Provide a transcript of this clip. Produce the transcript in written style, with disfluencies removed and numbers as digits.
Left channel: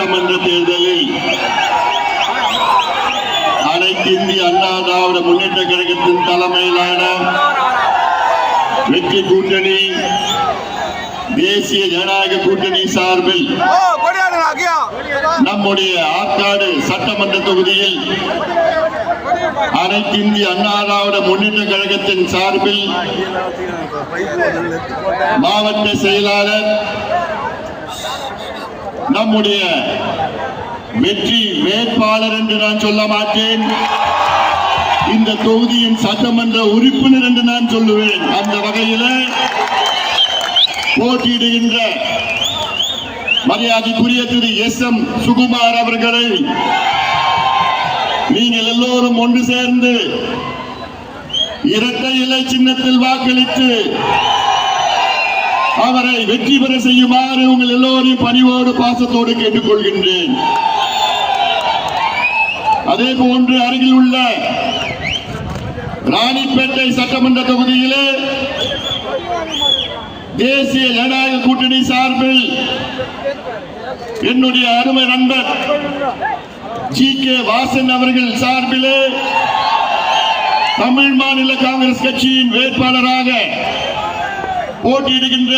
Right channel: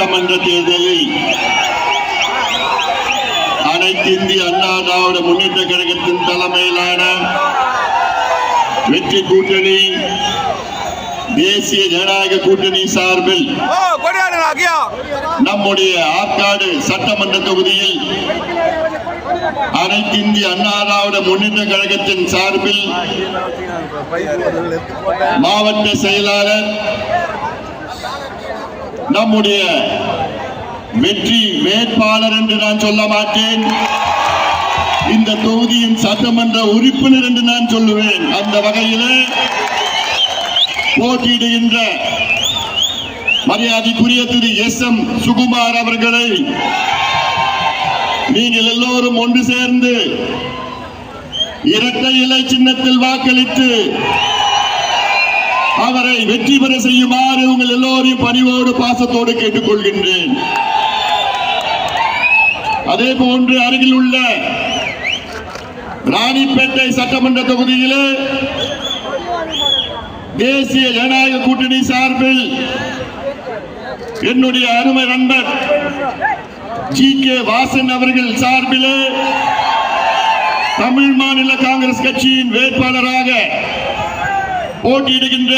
சட்டமன்ற தேர்தலில் அனைத்து இந்திய அண்ணா திராவிட முன்னேற்ற கழகத்தின் தலைமையிலான வெற்றி கூட்டணி தேசிய ஜனநாயக கூட்டணி சார்பில் நம்முடைய ஆற்காடு சட்டமன்ற தொகுதியில் அனைத்து இந்திய அண்ணா திராவிட முன்னேற்ற கழகத்தின் சார்பில் மாவட்ட செயலாளர் நம்முடைய வெற்றி வேட்பாளர் என்று நான் சொல்ல மாட்டேன், இந்த தொகுதியின் சட்டமன்ற உறுப்பினர் என்று நான் சொல்லுவேன். அந்த வகையில் போட்டியிடுகின்ற மரியாதைக்குரிய திரு SM சுகுமார் அவர்களை நீங்கள் எல்லோரும் ஒன்று சேர்ந்து இரட்டை இலை சின்னத்தில் வாக்களித்து அவரை வெற்றி பெற செய்யுமாறு உங்கள் எல்லோரையும் பணிவோடு பாசத்தோடு கேட்டுக்கொள்கின்றேன். அதே போன்று அருகில் உள்ள ராணிப்பேட்டை சட்டமன்ற தொகுதியிலே தேசிய ஜனநாயக கூட்டணி சார்பில் என்னுடைய அருமை நண்பர் GK வாசன் அவர்கள் சார்பிலே தமிழ் மாநில காங்கிரஸ் கட்சியின் வேட்பாளராக போட்டியிடுகின்ற